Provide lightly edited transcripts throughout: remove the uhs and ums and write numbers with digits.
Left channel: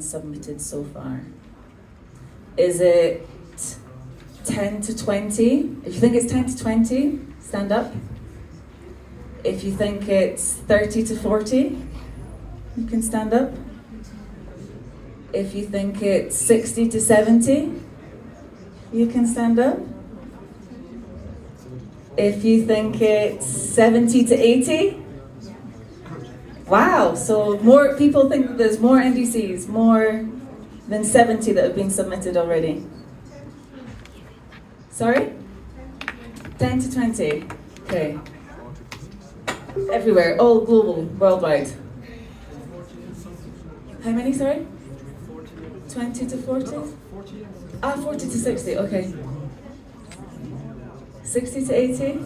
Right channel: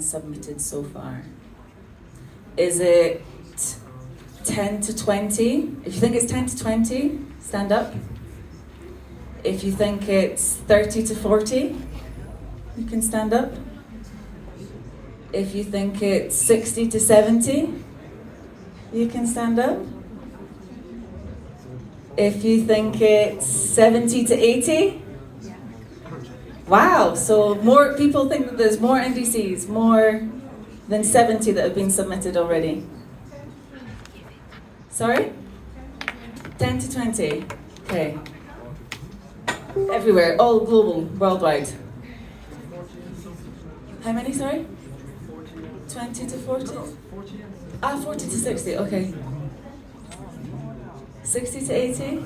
been submitted so far? Is it 10 to 20? If you think it's 10 to 20, stand up. If you think it's 30 to 40, you can stand up. If you think it's 60 to 70, you can stand up. If you think it's 70 to 80, wow, so more people think that there's more NDCs, more than 70 that have been submitted already. Sorry? 10 to 20, okay. Everywhere, all global, worldwide. How many, sorry? 20 to 40? 40 to 60, okay. 60 to 80?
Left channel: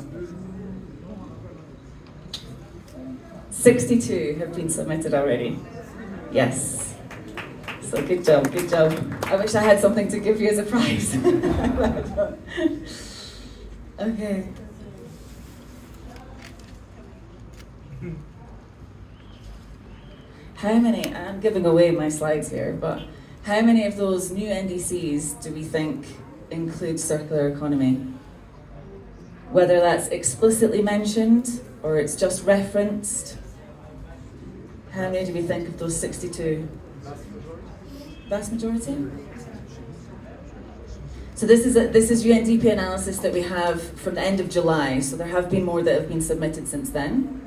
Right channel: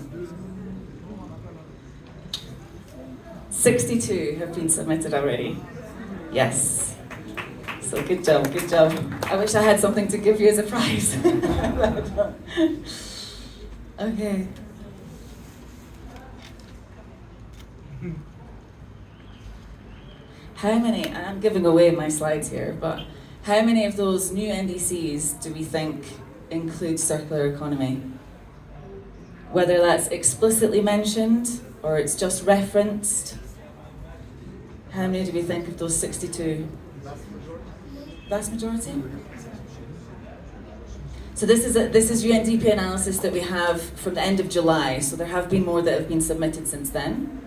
62 have been submitted already. Yes. So good job, good job. I wish I had something to give you as a prize. Okay. How many, I'm giving away my slides here, but how many of those new NDCs do we think include circular economy? Whether that's explicitly mentioned or it's just referenced. How many do we think of those 62? Vast majority? So this is UNDP analysis that we have from the end of July, so there have been more that have been submitted since then.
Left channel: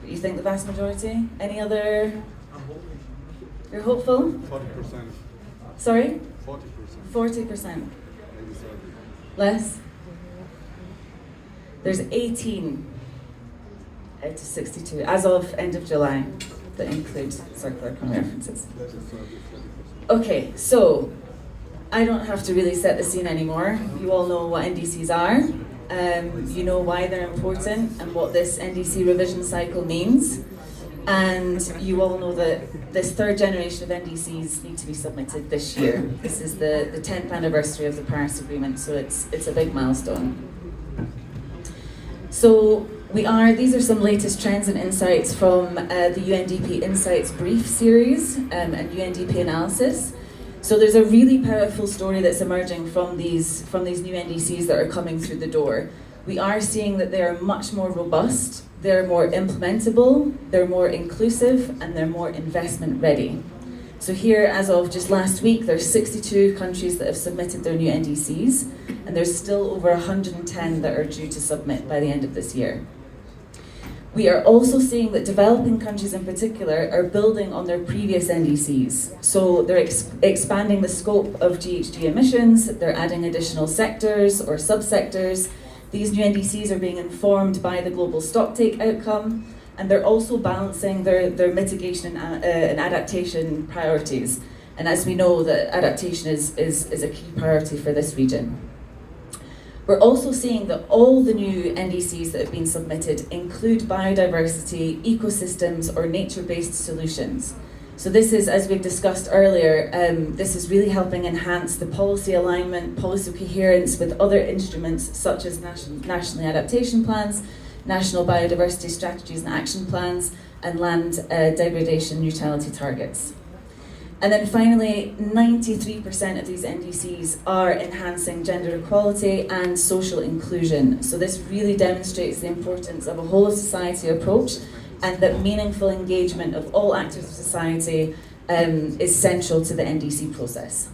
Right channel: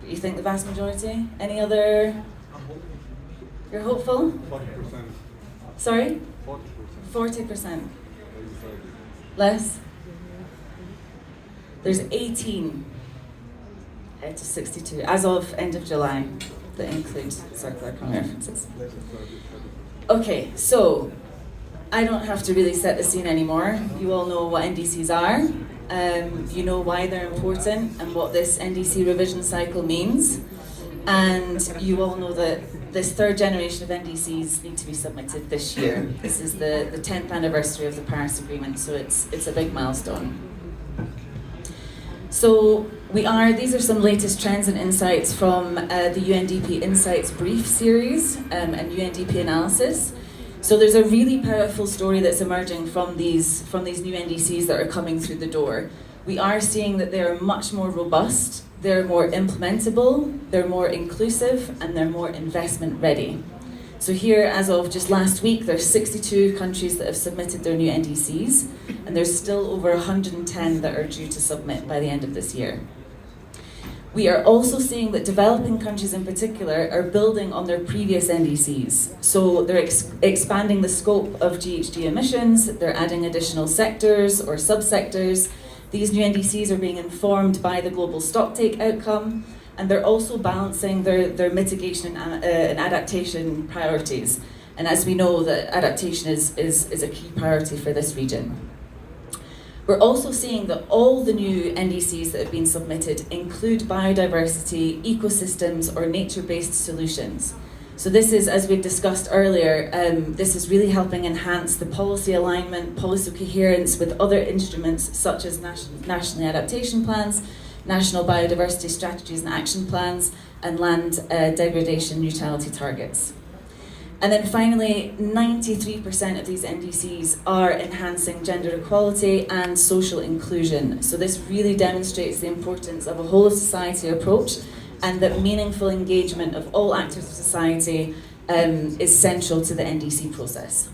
But you think the vast majority? Any other? You're hopeful? 40%. Sorry? 40%. 40%. Less? There's 18 out of 62, as of end of July, that include circular economy references. Okay, so I don't have to really set the scene anymore. You all know what NDCs are. You know why they're important and what this NDC revision cycle means. And you all know that this third generation of NDCs need to be submitted this year. This is the 10th anniversary of the Paris Agreement, so it's a big milestone. So these are some latest trends and insights from the UNDP Insights Brief series and UNDP analysis. So there's a really powerful story that's emerging from these new NDCs that are coming through the door. We are seeing that they are much more robust, they're more implementable, they're more inclusive, and they're more investment ready. So here, as of just last week, there's 62 countries that have submitted their new NDCs, and there's still over 110 that are due to submit by the end of this year. We are also seeing that developing countries in particular are building on their previous NDCs. So they're expanding the scope of GHG emissions, they're adding additional sectors or subsectors. These new NDCs are being informed by the global stocktake outcome, and they're also balancing their mitigation and adaptation priorities. And as we know, that adaptation is a key priority for this region. We're also seeing that all the new NDCs that have been submitted include biodiversity, ecosystems, or nature-based solutions. So this is, as we've discussed earlier, this is really helping enhance the policy alignment, policy coherence with other instruments such as national adaptation plans, national biodiversity strategies and action plans, and land degradation neutrality targets. And then finally, 93% of these NDCs are enhancing gender equality and social inclusion. So this really demonstrates the importance of a whole of society approach, and that meaningful engagement of all actors of society is central to the NDC process.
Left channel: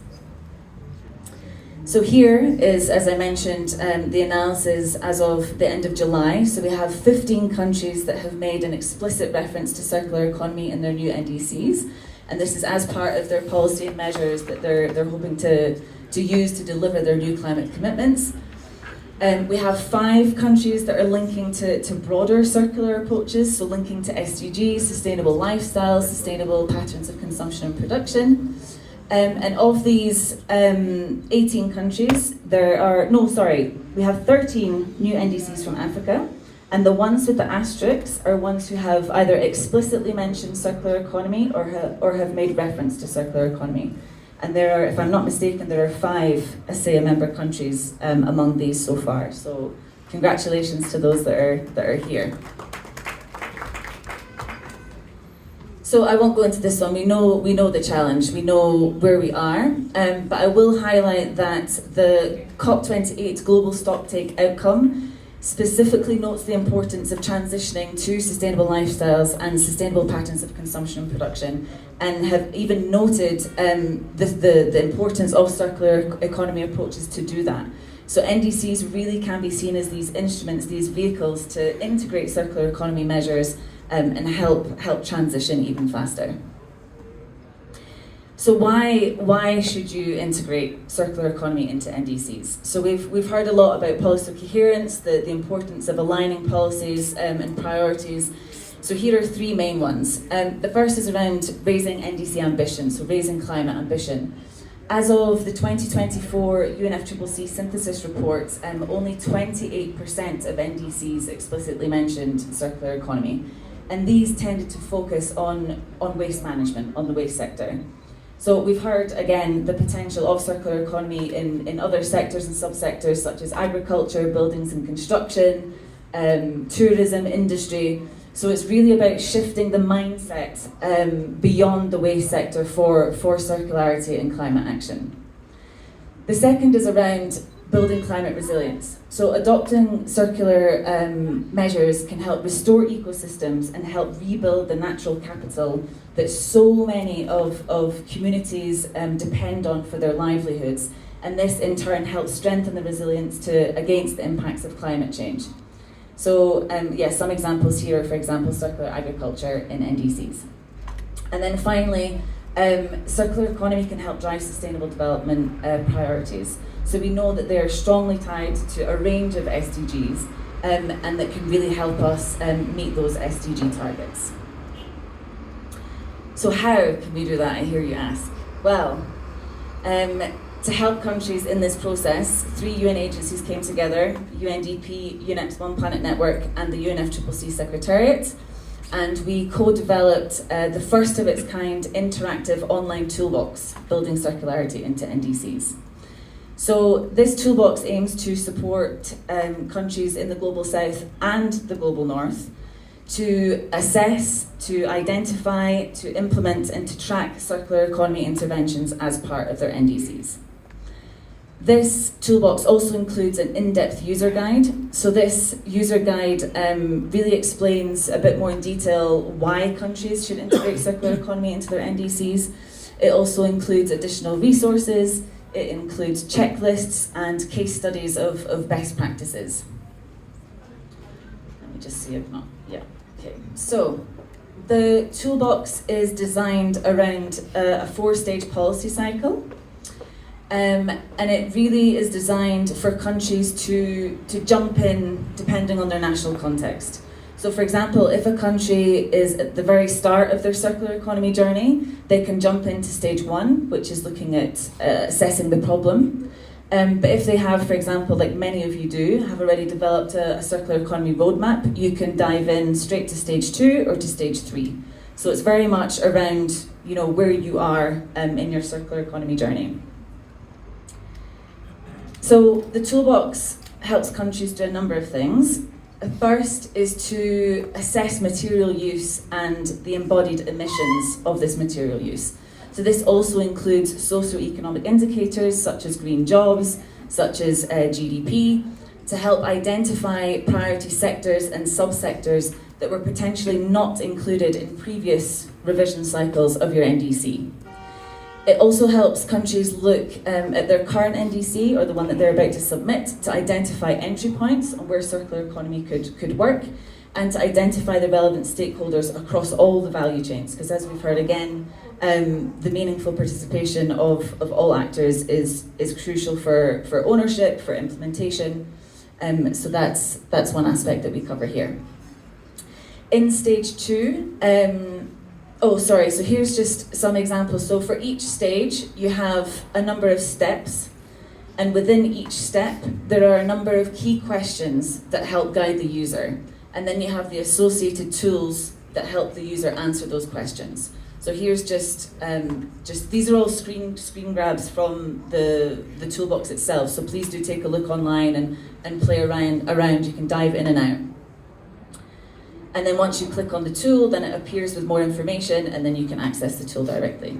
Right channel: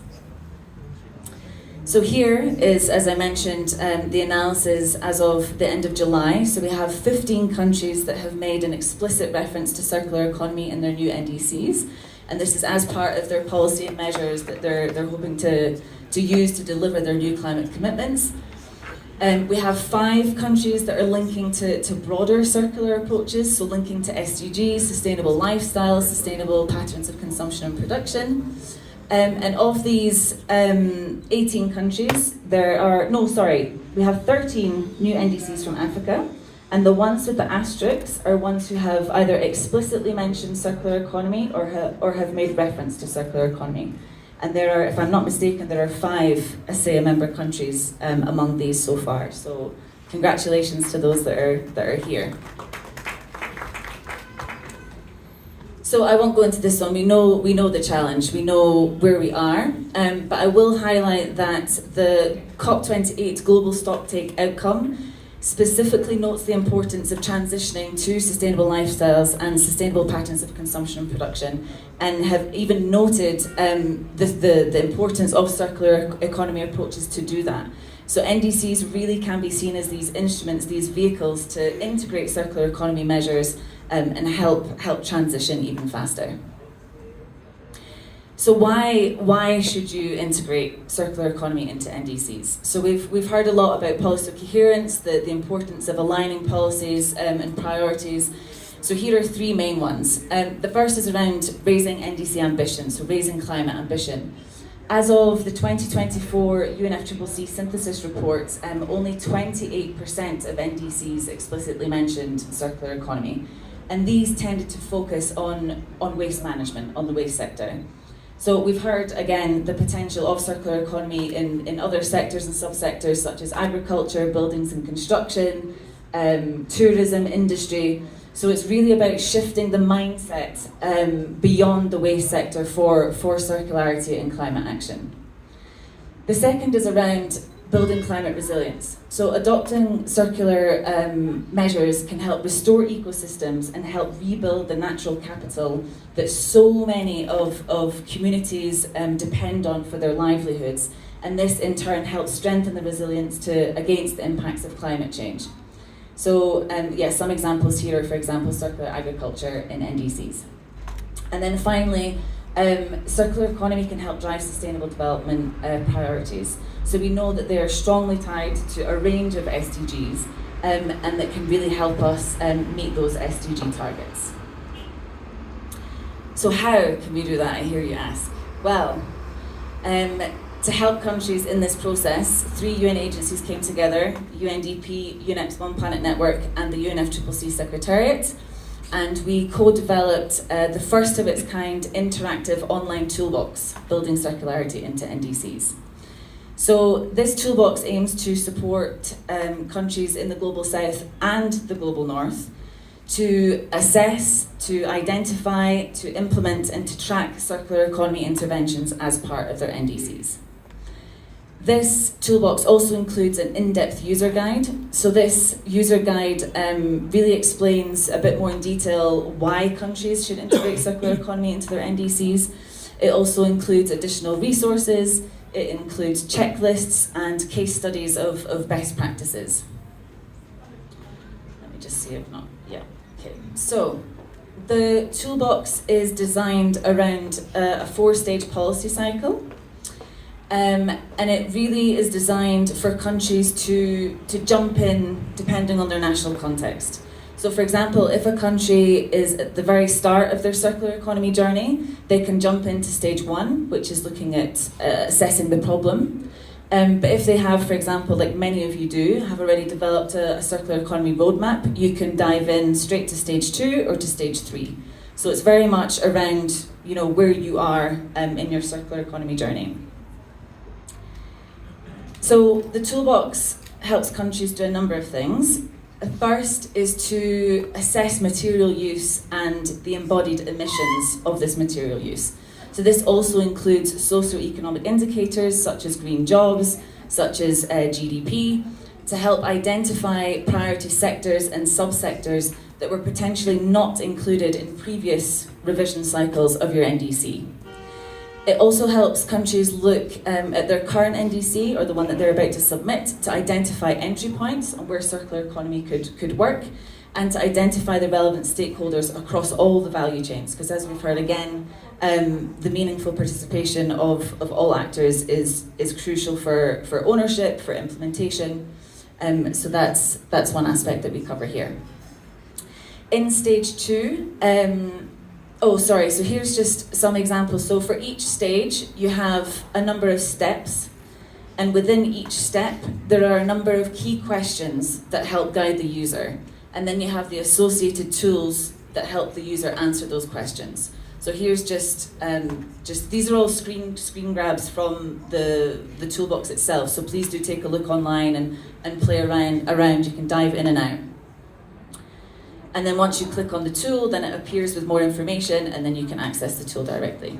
So here is, as I mentioned, the analysis as of the end of July. So we have 15 countries that have made an explicit reference to circular economy in their new NDCs. And this is as part of their policy and measures that they're hoping to use to deliver their new climate commitments. We have 5 countries that are linking to broader circular approaches, so linking to SDGs, sustainable lifestyles, sustainable patterns of consumption and production. And of these 18 countries, we have 13 new NDCs from Africa. And the ones with the asterisks are ones who have either explicitly mentioned circular economy or have made reference to circular economy. And there are, if I'm not mistaken, there are 5 ACEA member countries among these so far. So congratulations to those that are here. So I won't go into this one. We know the challenge. We know where we are. But I will highlight that the COP28 global stocktake outcome specifically notes the importance of transitioning to sustainable lifestyles and sustainable patterns of consumption and production, and have even noted the importance of circular economy approaches to do that. So NDCs really can be seen as these instruments, these vehicles to integrate circular economy measures and help transition even faster. So why should you integrate circular economy into NDCs? So we've heard a lot about policy coherence, the importance of aligning policies and priorities. So here are three main ones. The first is around raising NDC ambition, so raising climate ambition. As of the 2024 UNFCCC synthesis report, only 28% of NDCs explicitly mentioned circular economy, and these tended to focus on waste management, on the waste sector. So we've heard, again, the potential of circular economy in other sectors and subsectors such as agriculture, buildings and construction, tourism, industry. So it's really about shifting the mindset beyond the waste sector for circularity and climate action. The second is around building climate resilience. So adopting circular measures can help restore ecosystems and help rebuild the natural capital that so many of communities depend on for their livelihoods. And this in turn helps strengthen the resilience against the impacts of climate change. So some examples here, for example, circular agriculture in NDCs. And then finally, circular economy can help drive sustainable development priorities. So we know that they are strongly tied to a range of SDGs and that can really help us meet those SDG targets. So how can we do that, I hear you ask? Well, to help countries in this process, 3 UN agencies came together, UNDP, UNEP's One Planet Network and the UNFCCC Secretariat, and we co-developed the first of its kind interactive online toolbox, building circularity into NDCs. So this toolbox aims to support countries in the Global South and the Global North to assess, to identify, to implement and to track circular economy interventions as part of their NDCs. This toolbox also includes an in-depth user guide. So this user guide really explains a bit more in detail why countries should integrate circular economy into their NDCs. It also includes additional resources. It includes checklists and case studies of best practices. Let me just see if not, yeah, okay. So the toolbox is designed around a 4-stage policy cycle. And it really is designed for countries to jump in depending on their national context. So for example, if a country is at the very start of their circular economy journey, they can jump into stage 1, which is looking at assessing the problem. But if they have, for example, like many of you do, have already developed a circular economy roadmap, you can dive in straight to stage 2 or to stage 3. So it's very much around, where you are in your circular economy journey. So the toolbox helps countries do a number of things. First is to assess material use and the embodied emissions of this material use. So this also includes socioeconomic indicators such as green jobs, such as GDP, to help identify priority sectors and subsectors that were potentially not included in previous revision cycles of your NDC. It also helps countries look at their current NDC, or the one that they're about to submit, to identify entry points on where circular economy could work, and to identify the relevant stakeholders across all the value chains. Because as we've heard again, the meaningful participation of all actors is crucial for ownership, for implementation. So that's one aspect that we cover here. In stage 2, so here's just some examples. So for each stage, you have a number of steps, and within each step, there are a number of key questions that help guide the user. And then you have the associated tools that help the user answer those questions. So here's just these are all screen grabs from the toolbox itself. So please do take a look online and play around. You can dive in and out. And then once you click on the tool, then it appears with more information, and then you can access the tool directly.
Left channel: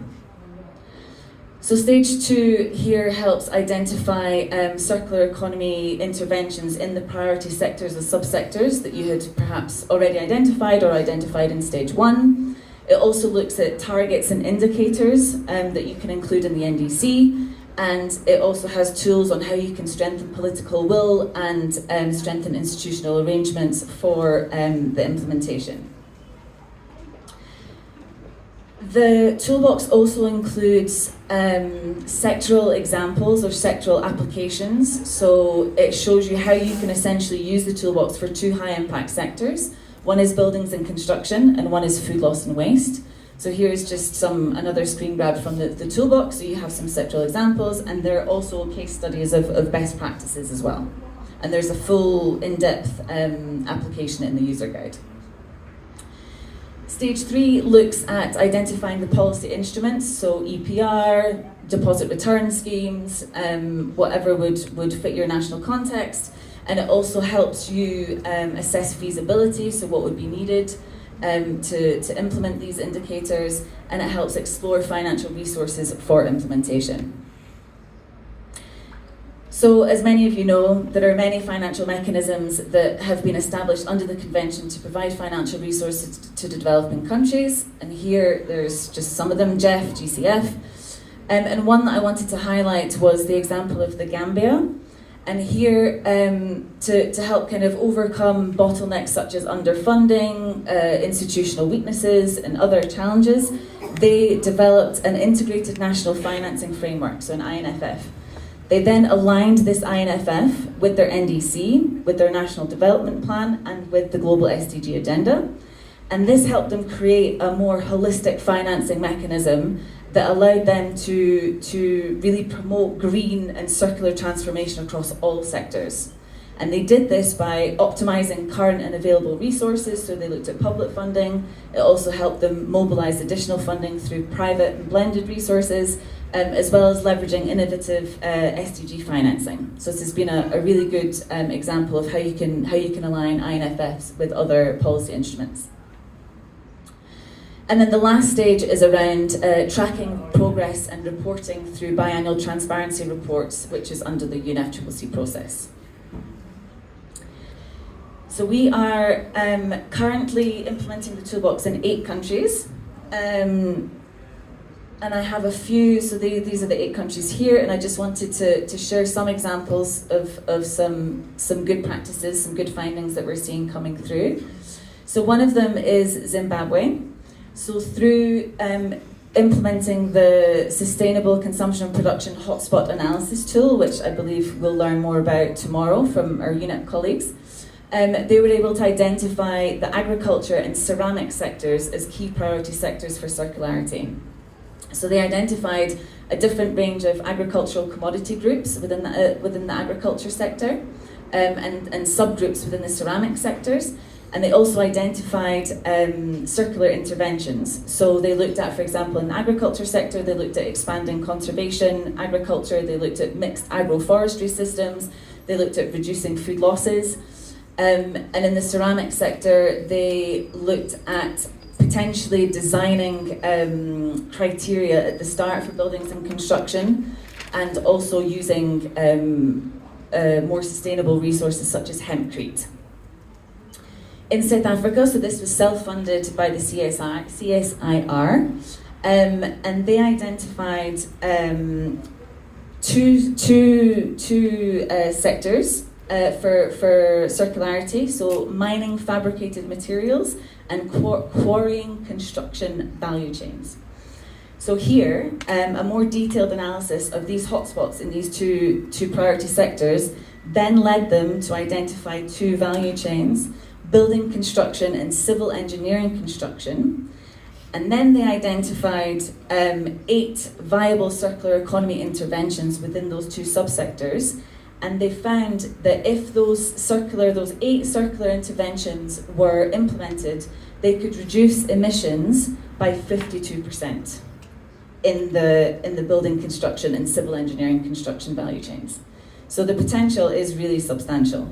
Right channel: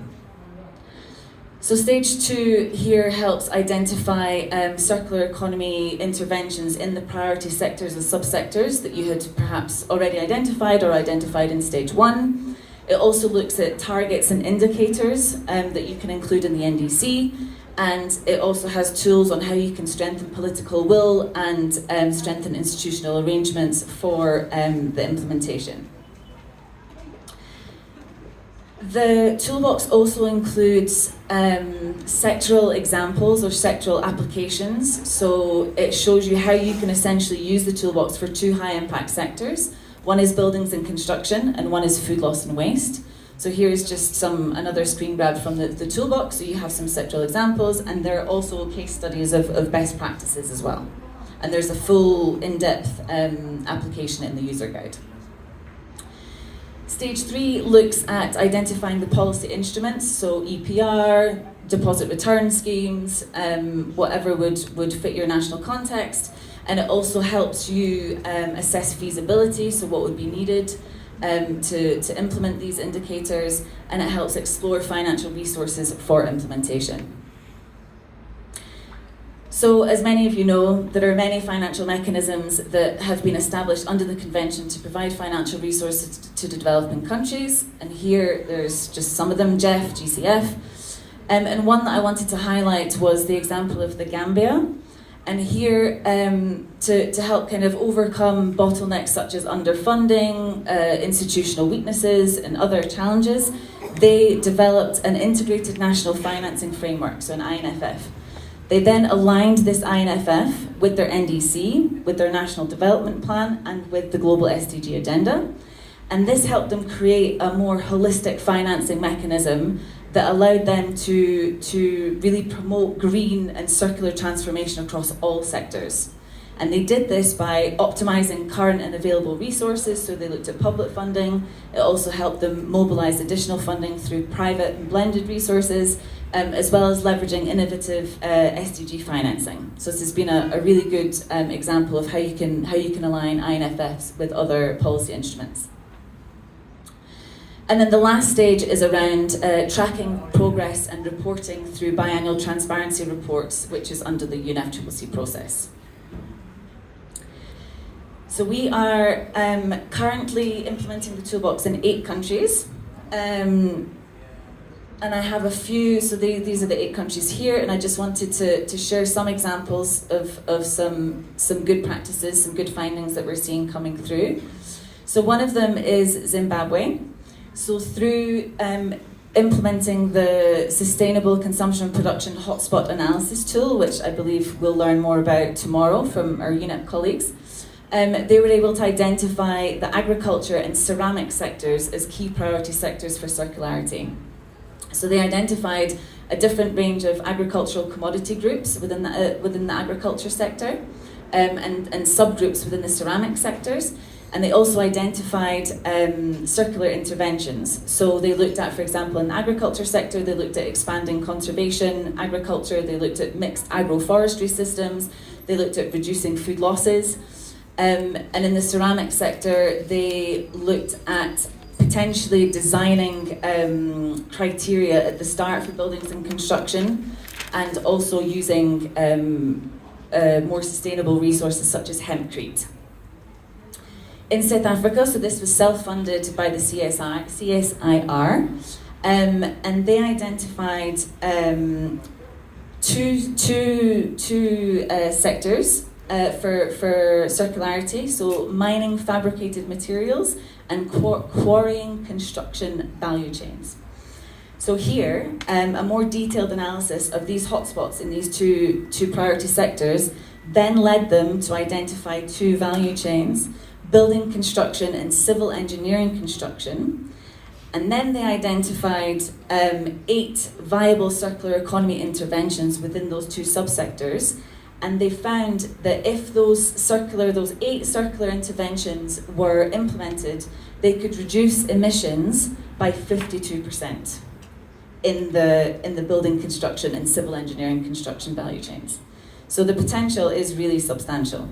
So stage 2 here helps identify circular economy interventions in the priority sectors and subsectors that you had perhaps already identified or identified in stage 1. It also looks at targets and indicators that you can include in the NDC, and it also has tools on how you can strengthen political will and strengthen institutional arrangements for the implementation. The toolbox also includes sectoral examples or sectoral applications. So it shows you how you can essentially use the toolbox for 2 high impact sectors. One is buildings and construction, and one is food loss and waste. So here's just another screen grab from the toolbox. So you have some sectoral examples, and there are also case studies of best practices as well. And there's a full in-depth application in the user guide. Stage 3 looks at identifying the policy instruments, so EPR, deposit return schemes, whatever would fit your national context. And it also helps you assess feasibility, so what would be needed to implement these indicators, and it helps explore financial resources for implementation. So, as many of you know, there are many financial mechanisms that have been established under the Convention to provide financial resources to developing countries, and here there's just some of them, GEF, GCF, and one that I wanted to highlight was the example of the Gambia. And here, to help kind of overcome bottlenecks such as underfunding, institutional weaknesses, and other challenges, they developed an integrated national financing framework, so an INFF. They then aligned this INFF with their NDC, with their National Development Plan, and with the Global SDG Agenda. And this helped them create a more holistic financing mechanism that allowed them to really promote green and circular transformation across all sectors. And they did this by optimizing current and available resources, so they looked at public funding. It also helped them mobilize additional funding through private and blended resources, as well as leveraging innovative SDG financing. So this has been a really good example of how you can align INFFs with other policy instruments. And then the last stage is around tracking progress and reporting through biannual transparency reports, which is under the UNFCCC process. So we are currently implementing the toolbox in 8 countries. And I have a few, so these are the 8 countries here, and I just wanted to share some examples of some good practices, some good findings that we're seeing coming through. So one of them is Zimbabwe. So through implementing the Sustainable Consumption and Production Hotspot Analysis tool, which I believe we'll learn more about tomorrow from our UNEP colleagues, they were able to identify the agriculture and ceramic sectors as key priority sectors for circularity. So they identified a different range of agricultural commodity groups within the agriculture sector, and subgroups within the ceramic sectors. And they also identified circular interventions. So they looked at, for example, in the agriculture sector, they looked at expanding conservation agriculture, they looked at mixed agroforestry systems, they looked at reducing food losses. And in the ceramic sector, they looked at potentially designing criteria at the start for buildings and construction, and also using more sustainable resources such as hempcrete. In South Africa, so this was self-funded by the CSIR, and they identified two sectors for circularity, so mining fabricated materials and quarrying construction value chains. So here, a more detailed analysis of these hotspots in these two priority sectors then led them to identify 2 value chains: building construction and civil engineering construction. And then they identified 8 viable circular economy interventions within those 2 subsectors. And they found that if those 8 circular interventions were implemented, they could reduce emissions by 52% in the building construction and civil engineering construction value chains. So the potential is really substantial.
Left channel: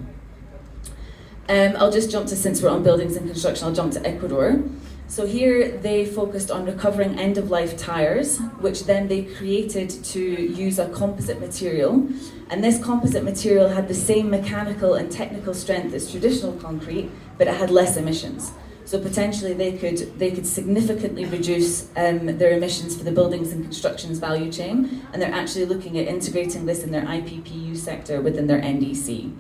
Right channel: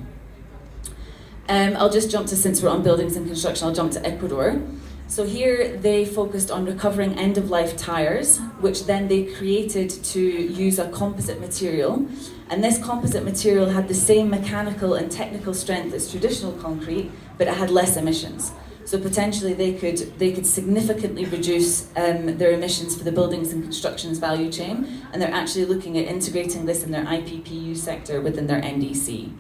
I'll just jump to, since we're on buildings and construction, I'll jump to Ecuador. So here they focused on recovering end-of-life tires, which then they created to use a composite material. And this composite material had the same mechanical and technical strength as traditional concrete, but it had less emissions. So potentially they could significantly reduce their emissions for the buildings and constructions value chain, and they're actually looking at integrating this in their IPPU sector within their NDC.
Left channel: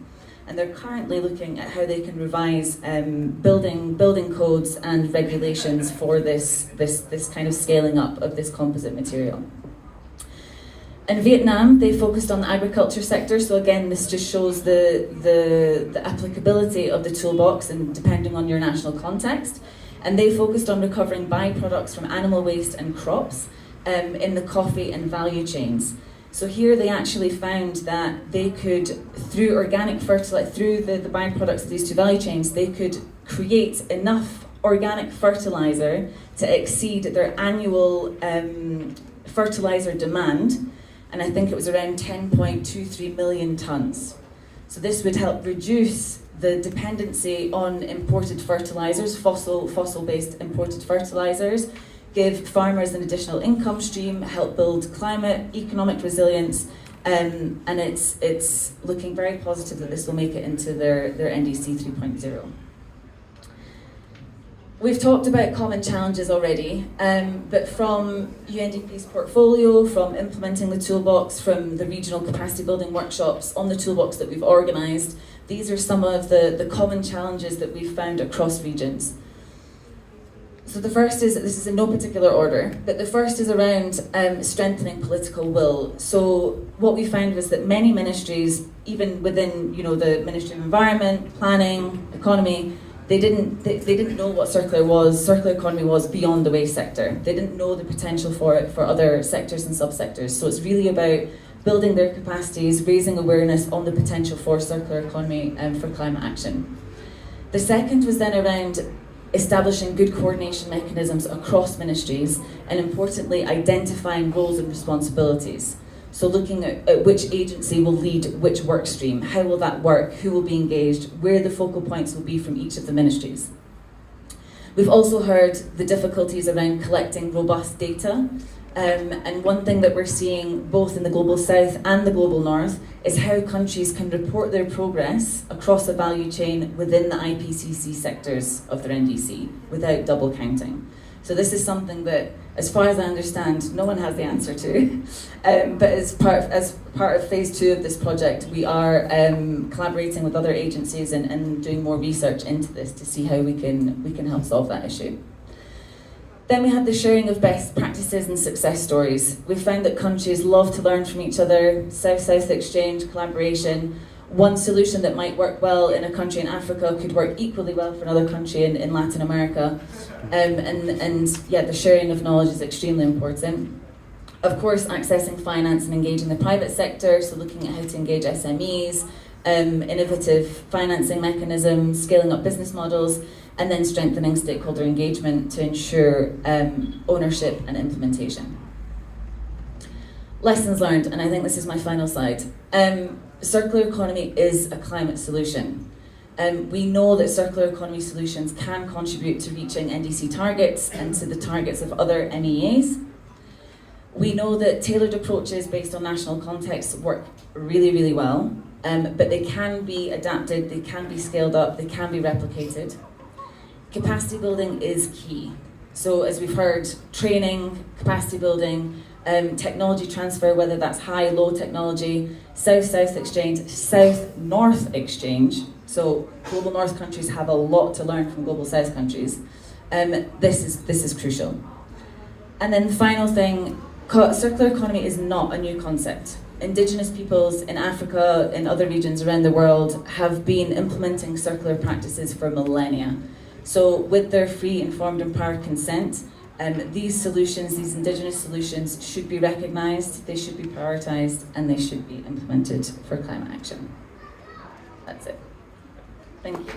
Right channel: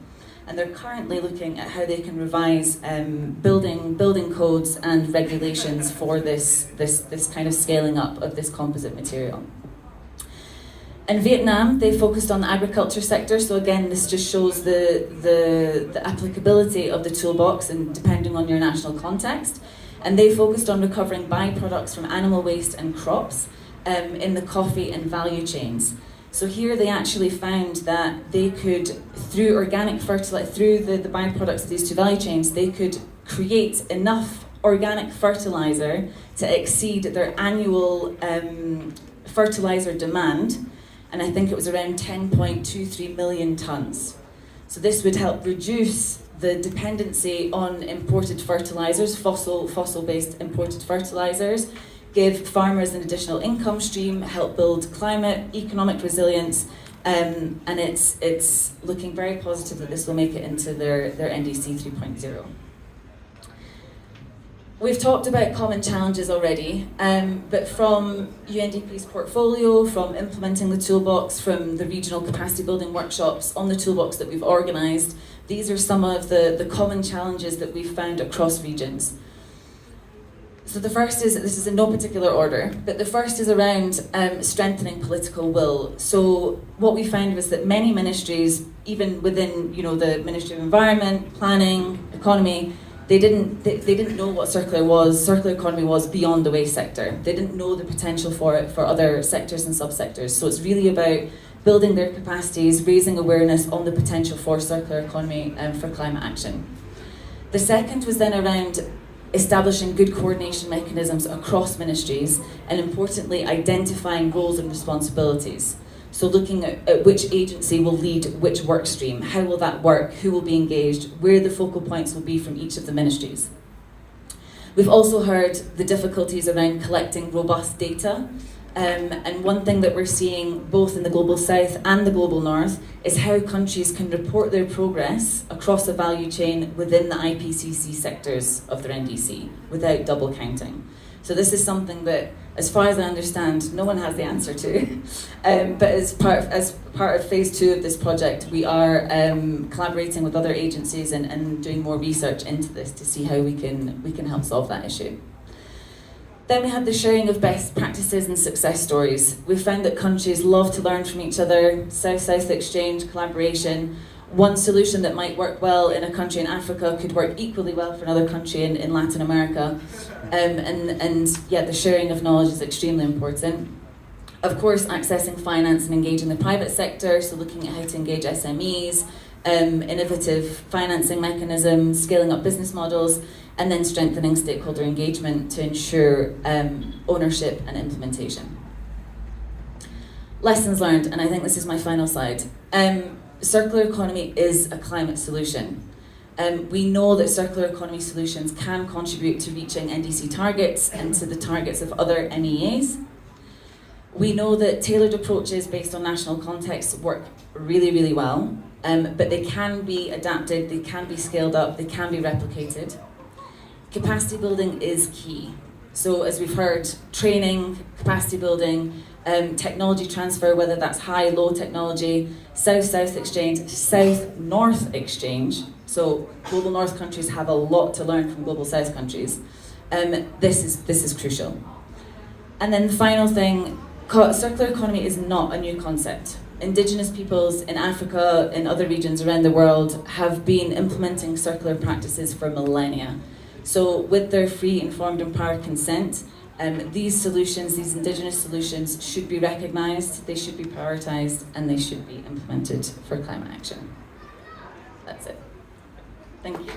And they're currently looking at how they can revise building codes and regulations for this kind of scaling up of this composite material. In Vietnam, they focused on the agriculture sector, so again, this just shows the applicability of the toolbox and depending on your national context. And they focused on recovering byproducts from animal waste and crops in the coffee and value chains. So here they actually found that they could, through organic fertilizer, through the byproducts of these two value chains, they could create enough organic fertilizer to exceed their annual fertilizer demand, and I think it was around 10.23 million tonnes. So this would help reduce the dependency on imported fertilizers, fossil-based imported fertilizers, give farmers an additional income stream, help build climate, economic resilience, and it's looking very positive that this will make it into their NDC 3.0. We've talked about common challenges already, but from UNDP's portfolio, from implementing the toolbox, from the regional capacity building workshops on the toolbox that we've organised, these are some of the common challenges that we've found across regions. So the first is, this is in no particular order, but the first is around strengthening political will. So what we found was that many ministries, even within the Ministry of Environment, Planning, Economy, they didn't know what circular economy was beyond the waste sector. They didn't know the potential for it for other sectors and subsectors. So it's really about building their capacities, raising awareness on the potential for circular economy for climate action. The second was then around establishing good coordination mechanisms across ministries, and importantly, identifying roles and responsibilities. So looking at which agency will lead which work stream, how will that work, who will be engaged, where the focal points will be from each of the ministries. We've also heard the difficulties around collecting robust data, and one thing that we're seeing both in the Global South and the Global North is how countries can report their progress across a value chain within the IPCC sectors of their NDC without double counting. So this is something that, as far as I understand, no one has the answer to. But as part of phase 2 of this project, we are collaborating with other agencies and doing more research into this to see how we can help solve that issue. Then we have the sharing of best practices and success stories. We've found that countries love to learn from each other, South-South exchange, collaboration. One solution that might work well in a country in Africa could work equally well for another country in Latin America. The sharing of knowledge is extremely important. Of course, accessing finance and engaging the private sector, so looking at how to engage SMEs, innovative financing mechanisms, scaling up business models, and then strengthening stakeholder engagement to ensure ownership and implementation. Lessons learned, and I think this is my final slide. Circular economy is a climate solution. We know that circular economy solutions can contribute to reaching NDC targets and to the targets of other NEAs. We know that tailored approaches based on national context work really, really well, but they can be adapted, they can be scaled up, they can be replicated. Capacity building is key. So as we've heard, training, capacity building, technology transfer, whether that's high, low technology, South-South exchange, South-North exchange. So Global North countries have a lot to learn from Global South countries. This is crucial. And then the final thing, circular economy is not a new concept. Indigenous peoples in Africa and other regions around the world have been implementing circular practices for millennia. So with their free, informed, empowered consent, these solutions, these indigenous solutions, should be recognised, they should be prioritised, and they should be implemented for climate action. That's it. Thank you.